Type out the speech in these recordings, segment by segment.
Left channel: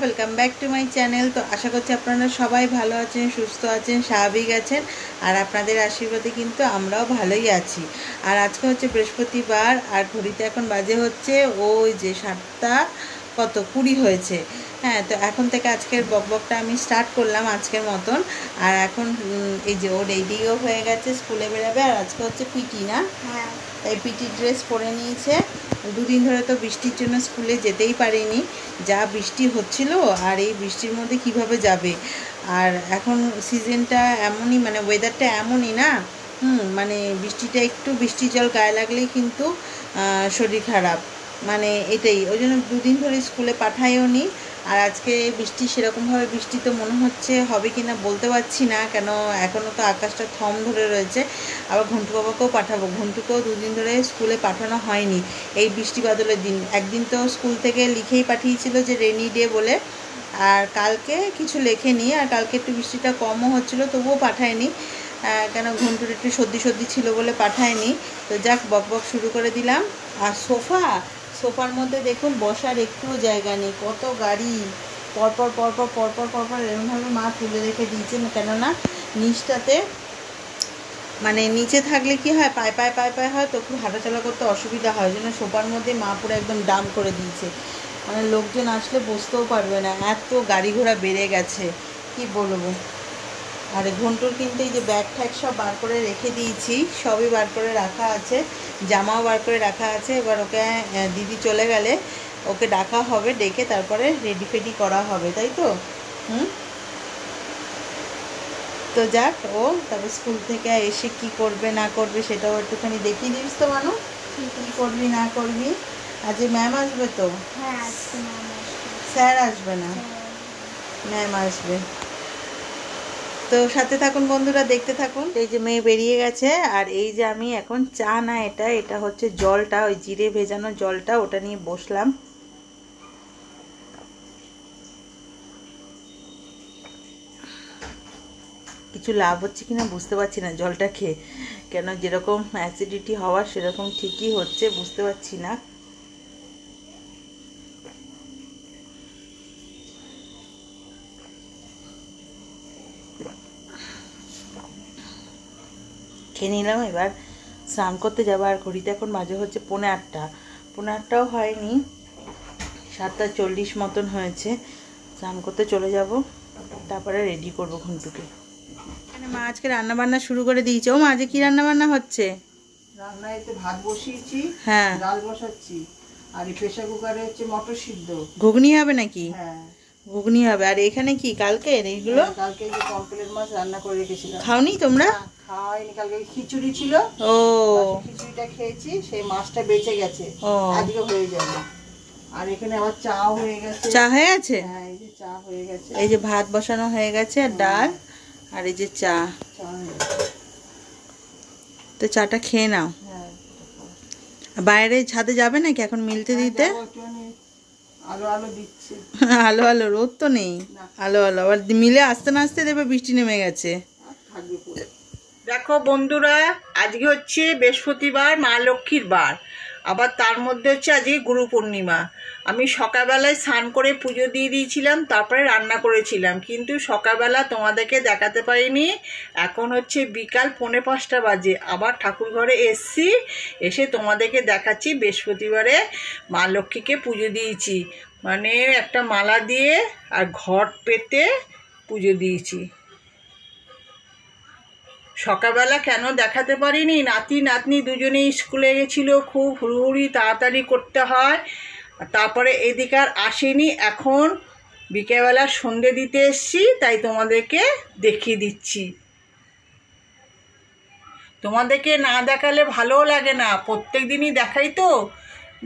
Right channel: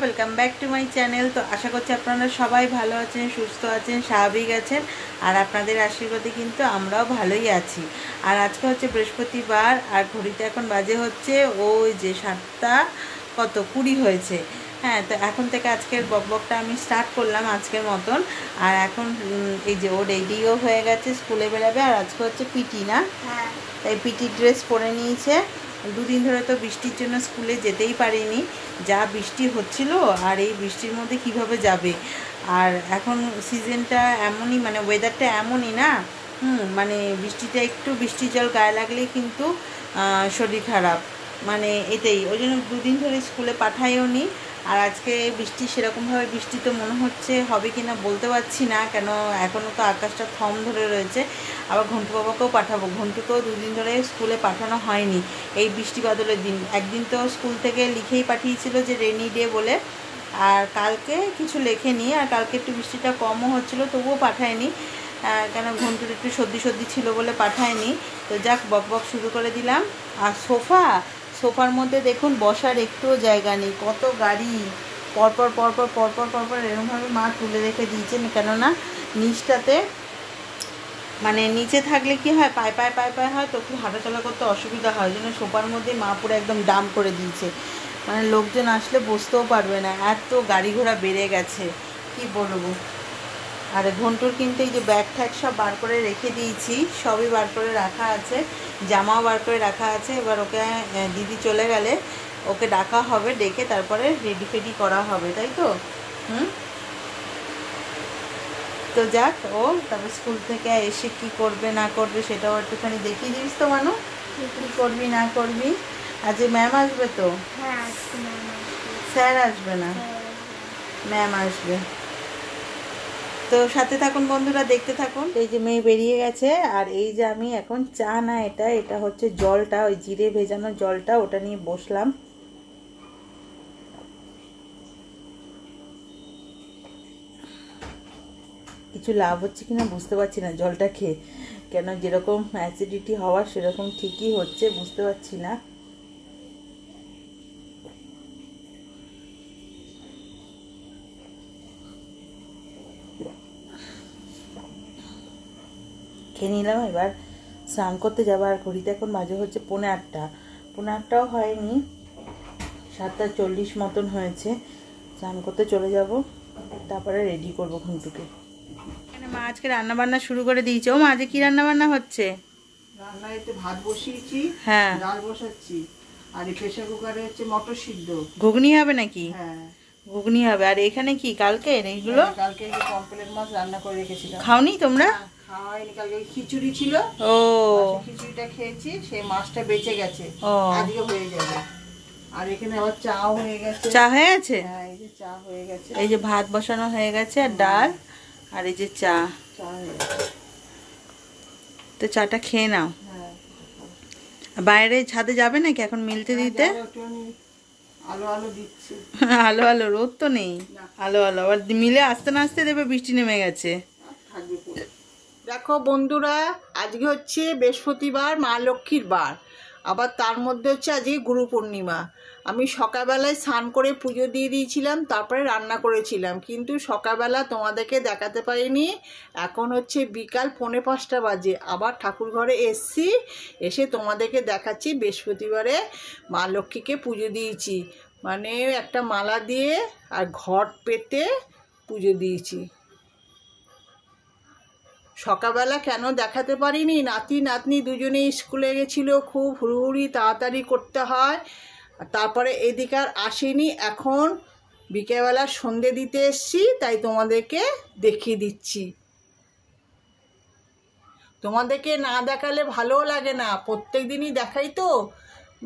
Welcome back to my channel. তো আশা করছি আপনারা সবাই ভালো আছেন, সুস্থ আছেন, স্বাভাবিক আছেন। আর আপনাদের আশীর্বাদে কিন্তু আমরাও ভালোই আছি। আর আজকে হচ্ছে বৃহস্পতিবার, আর ঘড়িতে এখন বাজে হচ্ছে ওই যে 7:20 হয়েছে। হ্যাঁ, তো এখন থেকে আজকের বকবকটা আমি স্টার্ট করলাম আজকের মতন। আর এখন এই যে ও রেডিও হয়ে গেছে, স্কুলে বেরোবে। আর আজকে হচ্ছে পিটি না? হ্যাঁ, এই পিটি ড্রেস পরে নিয়েছে। দুদিন ধরে তো বৃষ্টির জন্য স্কুলে যেতেই পারিনি, যা বৃষ্টি হচ্ছিল। আর এই বৃষ্টির মধ্যে কিভাবে যাবে? আর এখন সিজনটা এমনই, মানে ওয়েদারটা এমনই না, মানে বৃষ্টিটা একটু বৃষ্টির জল গায়ে লাগলেই কিন্তু শরীর খারাপ, মানে এটাই। ওই জন্য দুদিন ধরে স্কুলে পাঠাইও নি। আর আজকে বৃষ্টি সেরকমভাবে বৃষ্টি তো মনে হচ্ছে হবে কি না বলতে পারছি না, কেন এখনও তো আকাশটা থম ধরে রয়েছে। আবার ঘন্টু বাবাকেও পাঠাবো, ঘন্টুকেও দুদিন ধরে স্কুলে পাঠানো হয়নি এই বৃষ্টি বাদলের দিন। একদিন তো স্কুল থেকে লিখেই পাঠিয়েছিল যে রেনি ডে বলে, আর কালকে কিছু লেখেনি। আর কালকে একটু বৃষ্টিটা কমও হচ্ছিলো, তবুও পাঠায়নি, কেন ঘন্টুর একটু সর্দি সর্দি ছিল বলে পাঠায়নি। তো যাক, বক শুরু করে দিলাম। আর সোফার মধ্যে দেখুন বসার একটুও জায়গা নেই, কত গাড়ি পরপর পরপর পরপর পরপর এরকমভাবে মা তুলে রেখে দিয়েছেন। কেননা নিচটাতে, মানে নিচে থাকলে কি হয়, পায়ে পায়ে হয়, তো খুব হাঁটাচলা করতে অসুবিধা হয়। ওই জন্য সোফার মধ্যে মা পুরো একদম ডাম করে দিয়েছে, মানে লোকজন আসলে বসতেও পারবে না, এত গাড়ি ঘোড়া বেড়ে গেছে কি বলবো। আর ঘন্টুর কিন্তু এই যে ব্যাগ ট্যাগ সব বার করে রেখে দিয়েছি, সবই বার করে রাখা আছে, জামাও বার করে রাখা আছে। এবার ওকে দিদি চলে গেলে ওকে ডাকা হবে, ডেকে তারপরে রেডি ফেডি করা হবে, তাই তো? তো যাক, ও তারপর স্কুল থেকে এসে কি করবে না করবে সেটাও একটুখানি দেখিয়ে দিস তো মানু, কী করবি না করবি। আজ ম্যাম আসবে তো? হ্যাঁ, আজকে ম্যাম আসবে। স্যার আসবে না, ম্যাম আসবে। তো সাথে থাকুন বন্ধুরা, দেখতে থাকুন। এই যে মেয়ে বেরিয়ে গেছে, আর এই যে আমি এখন চা না, এটা হচ্ছে জলটা, ওই জিরে ভেজানো জলটা, ওটা নিয়ে বসলাম। কিছু লাভ হচ্ছে কিনা বুঝতে পারছি না জলটা খেয়ে, কেন যেরকম অ্যাসিডিটি হওয়ার সেরকম ঠিকই হচ্ছে, বুঝতে পারছি না। খেয়ে নিলাম, এবার স্নান করতে যাবো। আর ঘড়িতে এখন বাজে হচ্ছে 8:30, 8:30টাও হয়নি, 7:40 মতন হয়েছে। স্নান করতে চলে যাব, তারপরে রেডি করবো ঘন্টুকে। এখানে মা আজকে রান্না বান্না শুরু করে দিয়েছে। ও মা, আজকে কি রান্না বান্না হচ্ছে? রান্নায় তো ভাত বসিয়েছি, হ্যাঁ, ডাল বসাচ্ছি, আর এই প্রেসার কুকারে হচ্ছে মটর সিদ্ধ। ঘুগনি হবে নাকি? হ্যাঁ, ঘুগনি হবে। আর এখানে কি কালকে এইগুলো? কালকে যে পমফ্রেট মাছ রান্না করে রেখেছিলাম। খাওনি তোমরা? খাওয়া হয়নি, কালকে খিচুড়ি ছিল। ও, খিচুড়িটা খেয়েছি, সেই মাছটা বেঁচে গেছে, আজকে হয়ে যাবে। আর এখানে আবার চাও হয়ে গেছে। চা হয়ে গেছে? হ্যাঁ, এই যে চা হয়ে গেছে, এই যে ভাত বসানো হয়ে গেছে, আর ডাল, আর এই যে চা। চা হয়ে গেছে। তো চাটা খেয়ে নাও। হ্যাঁ, বাইরে ছাদে যাবে নাকি এখন মিলতে দিতে? আলো আলো দিচ্ছে। আলো আলো, রোদ তো নেই, আলো আলো। আবার মিলে আসতে না আসতে দেবে বৃষ্টি নেমে গেছে। দেখো বন্ধুরা, আজকে হচ্ছে বৃহস্পতিবার, মা লক্ষ্মীর বার। আবার তার মধ্যে হচ্ছে আজকে গুরু পূর্ণিমা। আমি সকালবেলায় স্নান করে পুজো দিয়ে দিয়েছিলাম, তারপরে রান্না করেছিলাম, কিন্তু সকালবেলা তোমাদেরকে দেখাতে পারিনি। এখন হচ্ছে বিকাল 4:45 বাজে, আবার ঠাকুর ঘরে এসছি, এসে তোমাদেরকে দেখাচ্ছি বৃহস্পতিবারে মা লক্ষ্মীকে পুজো দিয়েছি, মানে একটা মালা দিয়ে আর ঘট পেতে পুজো দিয়েছি। সকালবেলা কেন দেখাতে পারিনি, নাতি নাতনি দুজনেই স্কুলে গেছিলো, খুব হুড়ুহুড়ি তাড়াতাড়ি করতে হয়, তারপরে এদিকে আর আসেনি। এখন বিকেলবেলা সন্ধে দিতে এসছি, তাই তোমাদেরকে দেখিয়ে দিচ্ছি। তোমাদেরকে না দেখালে ভালোও লাগে না, প্রত্যেক দিনই দেখাই তো,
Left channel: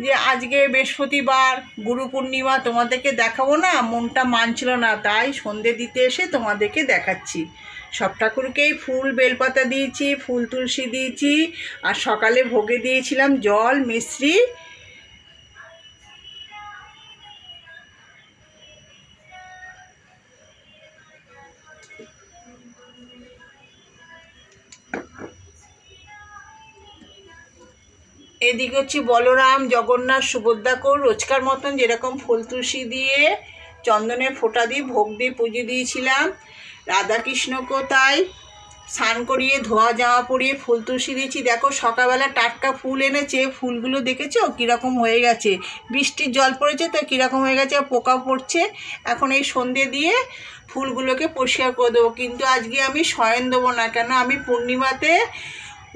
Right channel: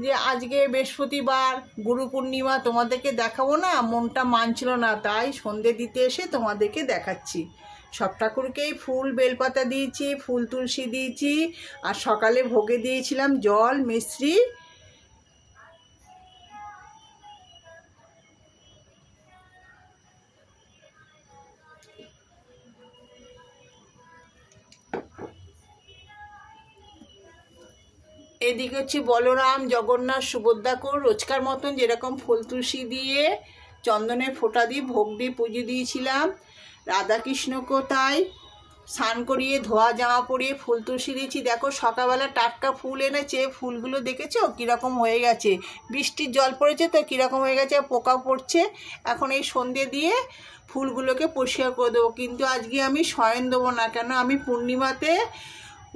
যে আজকে বৃহস্পতিবার গুরু পূর্ণিমা তোমাদেরকে দেখাবো না, মনটা মানছিল না, তাই সন্ধে দিতে এসে তোমাদেরকে দেখাচ্ছি। সব ঠাকুরকেই ফুল বেলপাতা দিয়েছি, ফুল তুলসী দিয়েছি, আর সকালে ভোগে দিয়েছিলাম জল মিশ্রি। এদিকে হচ্ছে বলরাম, জগন্নাথ, সুভদ্রাকে রোজকার মতন যেরকম ফুল তুলসী দিয়ে চন্দনের ফোঁটা দিয়ে ভোগ দিয়ে পুজো দিয়েছিলাম। রাধাকৃষ্ণকেও তাই স্নান করিয়ে ধোয়া জামা পরিয়ে ফুল তুলসী দিয়েছি। দেখো সকালবেলা টাটকা ফুল এনেছে, ফুলগুলো দেখেছো কীরকম হয়ে গেছে, বৃষ্টির জল পড়েছে তো কীরকম হয়ে গেছে, পোকাও পড়ছে। এখন এই সন্ধে দিয়ে ফুলগুলোকে পরিষ্কার করে দেবো, কিন্তু আজকে আমি শয়ন দেবো না। কেন, আমি পূর্ণিমাতে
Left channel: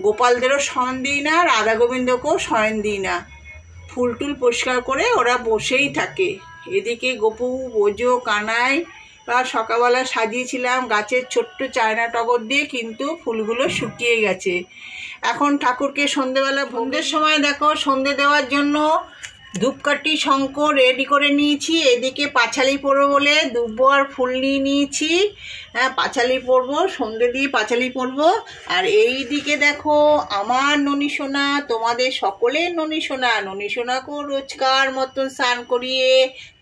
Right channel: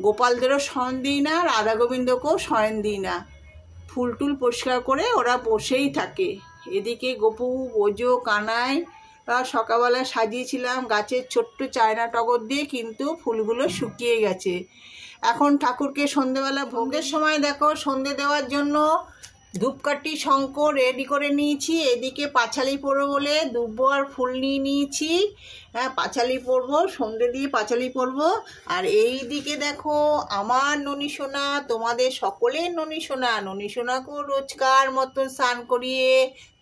গোপালদেরও শয়ন দিই না, রাধা গোবিন্দকেও শয়ন দিই না। ফুল টুল পরিষ্কার করে ওরা বসেই থাকে। এদিকে গপু, বোজো, কানাই আর সকালবেলা সাজিয়েছিলাম গাছের ছোট্ট চায়না টগর দিয়ে, কিন্তু ফুলগুলো শুকিয়ে গেছে। এখন ঠাকুরকে সন্ধেবেলা সন্ধ্যের সময় দেখো সন্ধে দেওয়ার জন্য ধূপকাঠি শঙ্খ রেডি করে নিয়েছি। এদিকে পাঁচালি পরবো বলে দুব্বো আর ফুল নিয়ে নিয়েছি। হ্যাঁ, পাঁচালি পরবো, সন্ধে দিয়ে পাঁচালি পরবো। আর এই দিকে দেখো আমার ননী সোনা, তোমাদের সকলের ননী সোনা, ননী সোনাকেও রোজকার মতন স্নান করিয়ে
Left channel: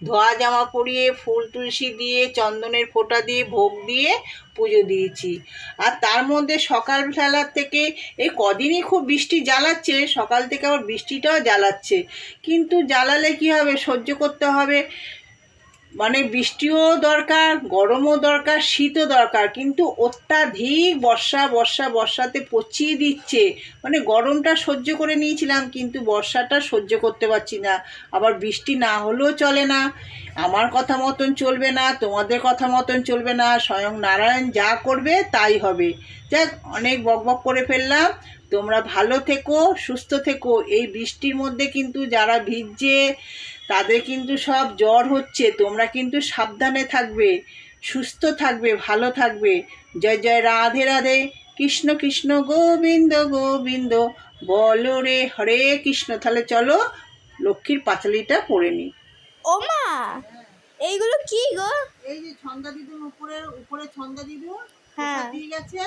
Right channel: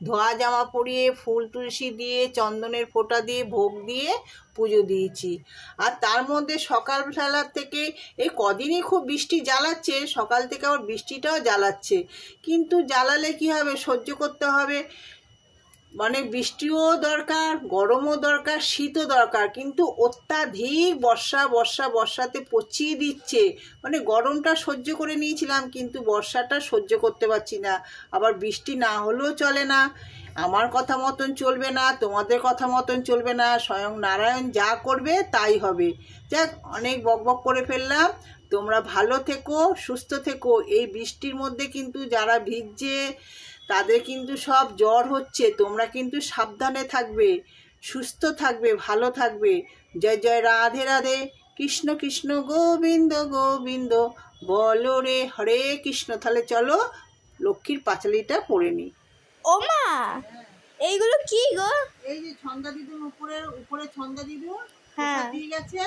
ধোয়া জামা পরিয়ে ফুল তুলসী দিয়ে চন্দনের ফোঁটা দিয়ে ভোগ দিয়ে পুজো দিয়েছি। আর তার মধ্যে সকালবেলা থেকে এই কদিনই খুব বৃষ্টি জ্বালাচ্ছে, সকাল থেকে আবার বৃষ্টিটাও জ্বালাচ্ছে। কিন্তু জ্বালালে কি হবে, সহ্য করতে হবে। মানে বৃষ্টিও দরকার, গরমও দরকার, শীতও দরকার, কিন্তু অত্যাধিক বর্ষাতে পচিয়ে দিচ্ছে। মানে গরমটা সহ্য করে নিয়েছিলাম, কিন্তু বর্ষাটা সহ্য করতে পারছি না। আবার বৃষ্টি না হলেও চলে না, আমার কথা মতন চলবে না, তোমাদের কথা মতন চলবে না, স্বয়ং নারায়ণ যা করবে তাই হবে। যাক, অনেক বকবক করে ফেললাম। তোমরা ভালো থেকো, সুস্থ থেকো। এই বৃষ্টির মধ্যে কিন্তু যারা ভিজছে তাদের কিন্তু সব জ্বর হচ্ছে। তোমরা কিন্তু সাবধানে থাকবে, সুস্থ থাকবে, ভালো থাকবে। জয় জয় রাধে রাধে, কৃষ্ণ কৃষ্ণ গোবিন্দ গোবিন্দ, বলো রে হরে কৃষ্ণ। তাহলে চলো লক্ষ্মীর পাঁচালিটা পড়ে নি। ও মা, এইগুলো কি গো? এই যে ছন্দা দিদুন উপরে ছন্দা দিদুন হ্যাঁ দিয়ে গেছে।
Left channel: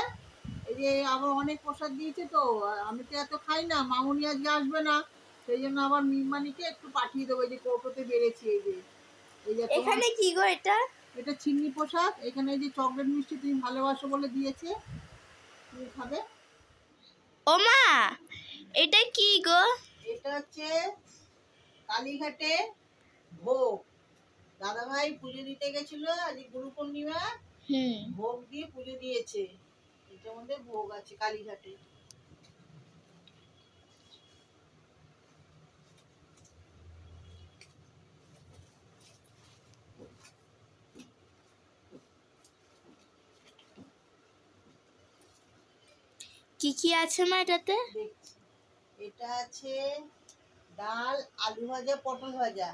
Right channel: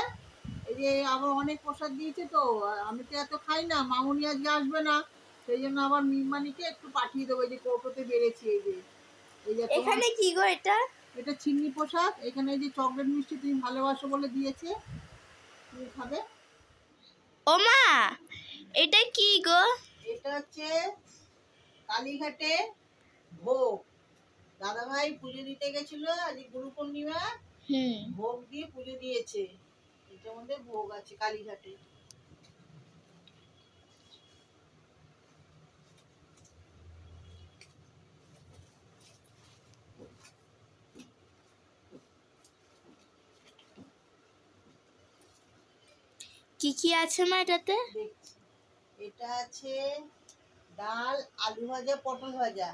এই যে আবার অনেক প্রসাদ দিয়েছে, তো আমি তো এত খাই না, মামুনি আজকে আসবে না, সেই জন্য আবার মিমানিকে একটু পাঠিয়ে দেবো। এই যে কৌটোতে বেড়েছি। এই যে এখানে কি গো? এটা চিন্নি প্রসাদ। এখানে এই যে চকলেট মিষ্টি তুমি ভালোবাসো বলে দিয়েছে, তুমি খাবে। ও মা, এটা কি গো? এটা হচ্ছে কালীঘাটে ভোগ। দাদাভাই পুজো দিতে গেছিল, আজ গুরু পূর্ণিমা, ভোগ দিয়ে পুজো দিয়েছে। এটার মধ্যে ভোগ আছে কালীঘাটে। কি কি আছে মা এটাতে? দেখছি, এটা আছে ডাল, আলু ভাজা, পটল ভাজা।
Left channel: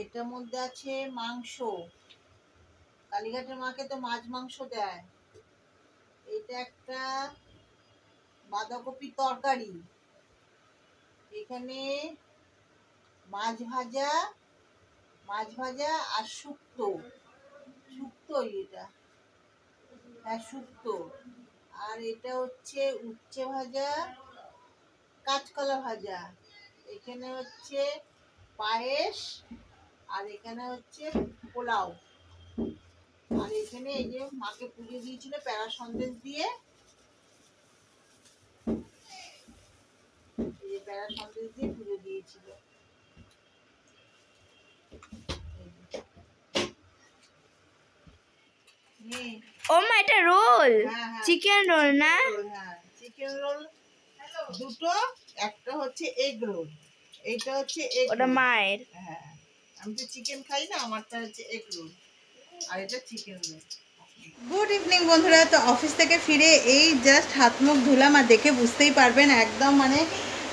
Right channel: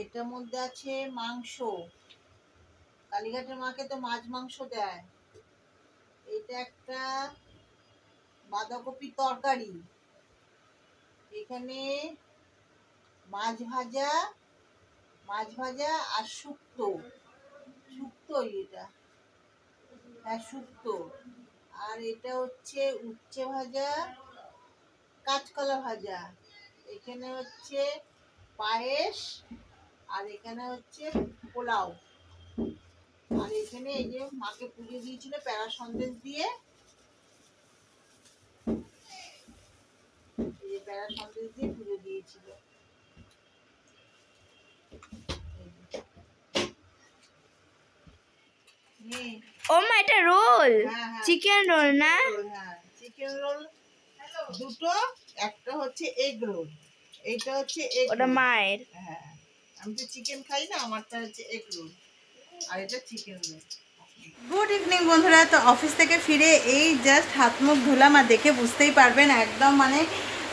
এটার মধ্যে আছে মাংস, কালীঘাটের মাকে তো মাছ মাংস দেয়। এটা একটা বাঁধাকপি তরকারি। এখানে মাছ ভাজা আর শুক্তো। এটা হ্যাঁ শুক্তো। আর এটা হচ্ছে উচ্ছে ভাজা, কাঁচকলা ভাজা। এখানে হচ্ছে পায়েস, আর এখানে হচ্ছে পোলাও। আর এখানে এই যে মাকে পুজো দিয়েছিল প্যারা সন্দেশ দিয়ে, এই যে প্যারা সন্দেশ দিয়ে পুজো দিয়েছিল। ও মা, এটা রোল, চিকেন রোল না? হ্যাঁ, চিকেন রোল দুটো, একটা হচ্ছে এগ রোল, এইটা হচ্ছে এগ। ওটা মায়ের। হ্যাঁ, আমি তো চিকেন খাই না, আমারটা হচ্ছে এগ রোল, আর এটা চিকেন রোল। গুড ইভিনিং বন্ধুরা। তো অফিস থেকে ফিরে এই জাস্ট হাত মুখ ধুলাম, আর দেখে বুঝতেই পারবেন একদম মানে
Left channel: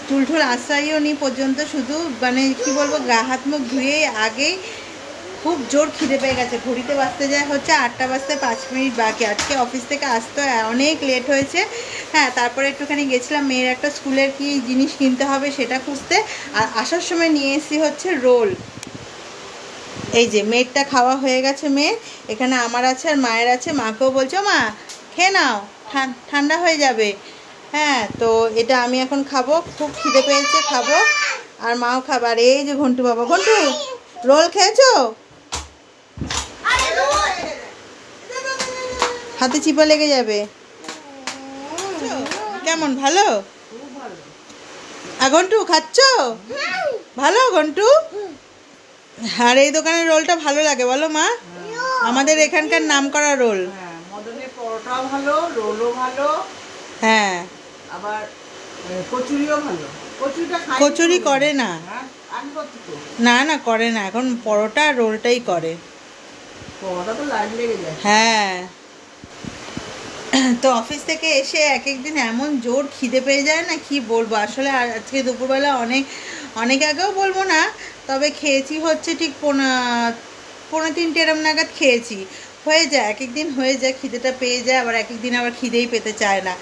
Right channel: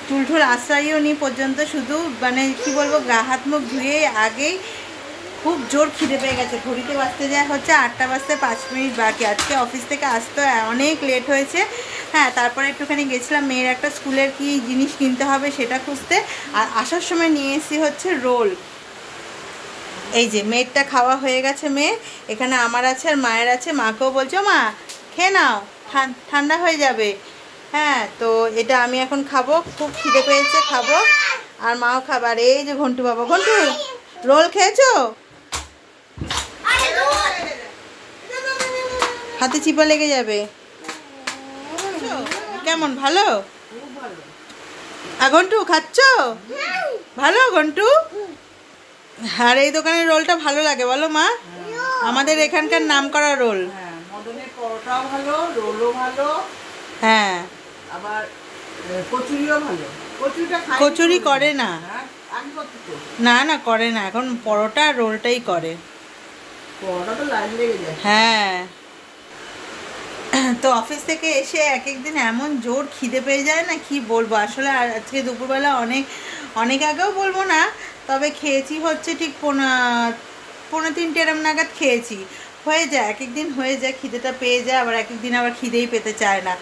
টুলঠুল আশ্রয়ও নি পর্যন্ত, শুধু মানে কি বলবো, গা হাত মুখ ধুয়ে আগেই খুব জোর খিদে পেয়ে গেছে। ঘড়িতে বাজতে যায় হচ্ছে 8টা বাজতে 5 মিনিট বাকি। আজকে অফিস থেকে আসতে অনেক লেট হয়েছে। হ্যাঁ, তারপরে একটুখানি গেছিলাম মেয়ের একটা স্কুলের কি জিনিস কিনতে হবে সেটা খুঁজতে, আর আসার সময় নিয়ে এসেছি হচ্ছে রোল। এই যে মেয়েরটা খাওয়া হয়ে গেছে, মেয়ের এখানে আমার আছে আর মায়ের আছে। মাকেও বলছো মা খেয়ে নাও, ঠান্ডা হয়ে যাবে। হ্যাঁ, তো এটা আমি এখন খাবো, খুব খিদে পেয়েছে, খাবো, আর মাও খাবার। এই যে ঘন্টু বাবা, ঘন্টু রোল খেয়েছো? হাতে চিপা লেগে যাবে। কেমন, ভালো? ঘন্টু খাচ্ছ? ভালো ঘন্টু? আর এই দোকানের রোলটা ভালো লাগে বলো মা? আমাদের এখানকার নামকরা রোল। হ্যাঁ, মদনের পরোটাও ভালো, রোলও ভালো, হ্যাঁ আবার কচুরিও ভালো। কচুরিটা খাই, কচুরি করে না, আগে করতো তো। না না করে না, এখন পরোটা আর রোলটাই করে। পরোটা তো লাইন লেগে যায়। হ্যাঁ, তো অফিস থেকে এসে এক একদিন এমন জোর খিদে পেয়ে যায় না, কি বলবো আসলে। আর আজকে দুপুরবেলা অনেক আগেও বলবো না, তবে খেয়েছি হচ্ছে ঠিক পৌনে 3টে এরম নাগাদ খেয়েছি। হয়ে যায়, এক একদিন হয়ে যায়, খিদেটা পেয়ে যায়, আবার এক একদিন আবার খিদেই পেতে চায় না।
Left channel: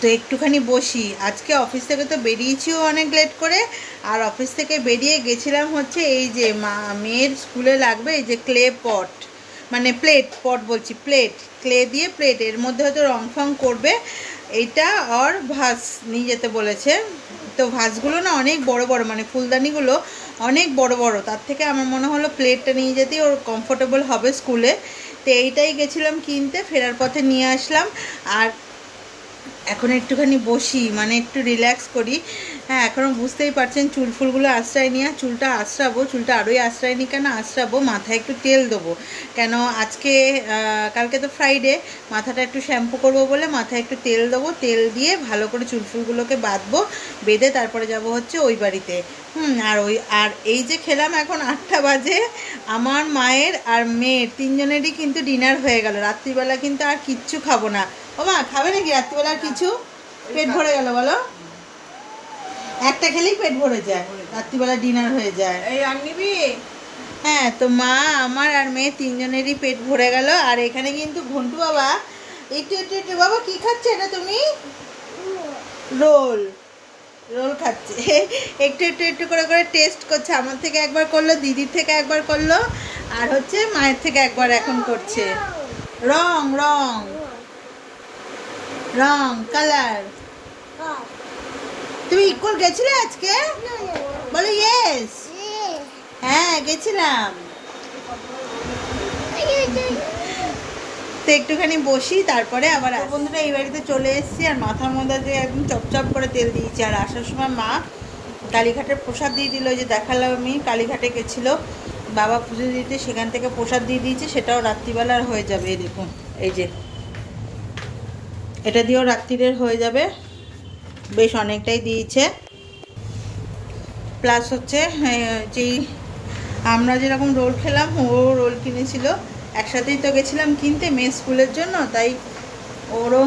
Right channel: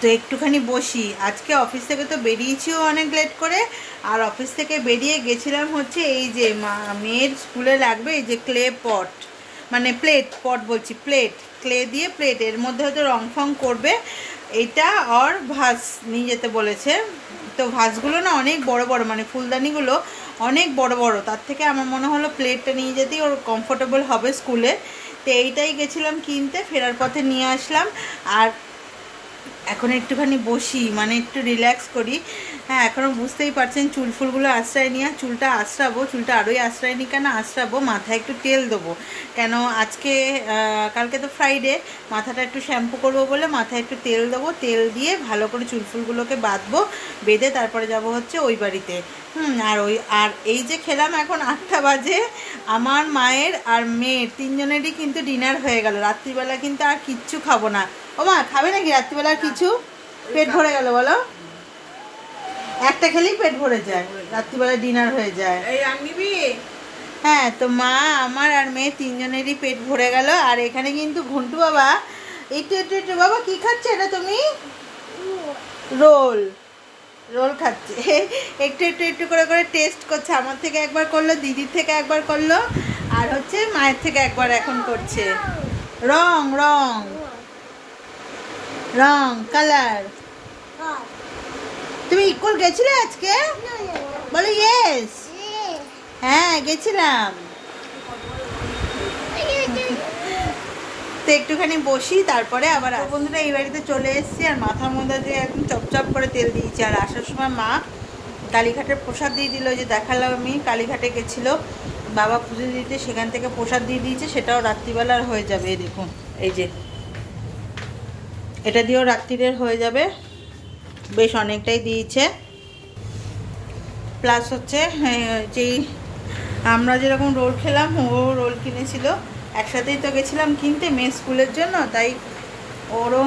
তো একটুখানি বসি। আজকে অফিস থেকে তো বেরিয়েছিও অনেক লেট করে, আর অফিস থেকে বেরিয়ে গেছিলাম হচ্ছে এই যে মেয়ের স্কুলে লাগবে এই যে ক্লে পট, মানে পট বলছি, ক্লে দিয়ে প্লেট, এর মধ্যে হয়তো রং ফং করবে, এইটা আর ভাস নিয়ে যেতে বলেছে। তো ভাসগুলো না অনেক বড় বড়, মানে ফুলদানিগুলো অনেক বড় বড়, তার থেকে আমার মনে হলো প্লেটটা নিয়ে যেতেই ওর কমফোর্টেবল হবে স্কুলে। তো এইটাই গেছিলাম কিনতে, ফেরার পথে নিয়ে আসলাম। আর এখন একটুখানি বসি, মানে একটু রিল্যাক্স করি। হ্যাঁ, এখনও বুঝতেই পারছেন চুল ফুলগুলো আশ্রয় নিয়ে, চুলটা আশ্রাবো, চুলটা আরোই আশ্রয় নি কেন আশ্রাবো, মাথায় একটু তেল দেবো, কেন আজকে কালকে তো ফ্রাইডে, মাথাটা একটু শ্যাম্পু করবো বলে মাথায় একটু তেল দেবো, তেল দিয়ে ভালো করে চুল ফুলগুলোকে বাঁধবো, বেঁধে তারপরে যাব হচ্ছে ওই বাড়িতে। আর এই যে খেলাম, এখন 8টা বাজে, আমার মায়ের আর মেয়ের তিনজনেরই কিন্তু ডিনার হয়ে গেল। রাত্রিবেলা কিন্তু আর কিচ্ছু খাবো না। ও মা, খাবে নাকি রাত্রিবেলার কিছু? পেট ভরে গেল বলো? একটা খেলেই পেট ভরে যায়, রাত্রিবেলা ডিনার হয়ে যায়। এই আর নিবি? হ্যাঁ, তো মা, আমার আর মেয়ে তিনজনেরই পেট ভরে গেল। আর এখানে কিন্তু ঘন্টু বাবা একটু বাবা কি খাচ্ছে এটা তুমি? রোল খাচ্ছে। একটু করে টেস্ট করছে। আমার থেকে একবার করলো, দিদির থেকে একবার করলো, আর হচ্ছে মায়ের থেকে একবার এখন করছে। রং কালার। তুমি ইকোর গেছিলে আজকে? বলো ইয়েস। হ্যাঁ, গেছিলাম। তো একটুখানি বসি, তারপরে আবার বন্ধুরা এই বাড়িতে চলে এসেছি। আর মাথার মধ্যে যে একদম চপচপ করে তেল দিয়েছি। আর আসার সময় মা কালীঘাটের প্রসাদ দিয়ে দিল, যে দেখালাম আমি, কালীঘাটে গেছিলো বাবা পুজো দিতে, সেখান থেকে প্রসাদ দিয়ে দিয়েছে, সেটাও রাত্রিবেলার হয়ে যাবে। এই দেখুন, এই যে এটা দিয়েও রাত্রিরের হয়ে যাবে, বেশ অনেকটাই দিয়েছে। প্লাস হচ্ছে যেই আমরা যেরকম রোল খেলাম, ও রোল কিনেছিল, একসাথেই তো গেছিলাম কিনতে মেয়ে স্কুলের জন্য, তাই ওরও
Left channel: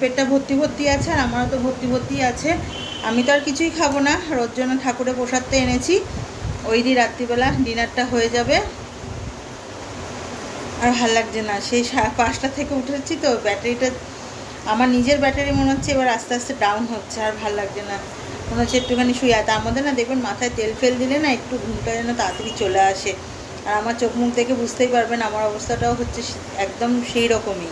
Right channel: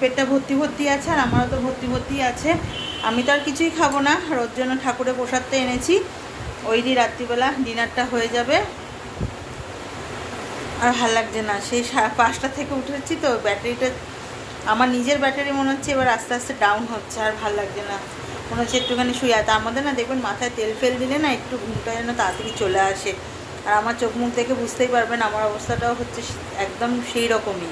পেটটা ভর্তি আছে, আর আমারও তো ভর্তি আছে। আমি তো আর কিছুই খাবো না, ওর জন্য ঠাকুরের প্রসাদটা এনেছি, ওই দিয়ে রাত্রিবেলা ডিনারটা হয়ে যাবে। আর ভাল লাগছে না, সেই 5টা থেকে উঠেছি তো, ব্যাটারিটা আমার নিজের ব্যাটারি মনে হচ্ছে এবার আস্তে আস্তে ডাউন হচ্ছে, আর ভাল লাগছে না, মনে হচ্ছে একটুখানি শুয়ে। আর তার মধ্যে না দেখবেন মাথায় তেল ফেল দিলে না একটু ঘুমটা যেন তাড়াতাড়ি চলে আসে। আর আমার চোখ মুখ দেখে বুঝতেই পারবেন আমার অবস্থাটাও হচ্ছে একদম সেই রকমই।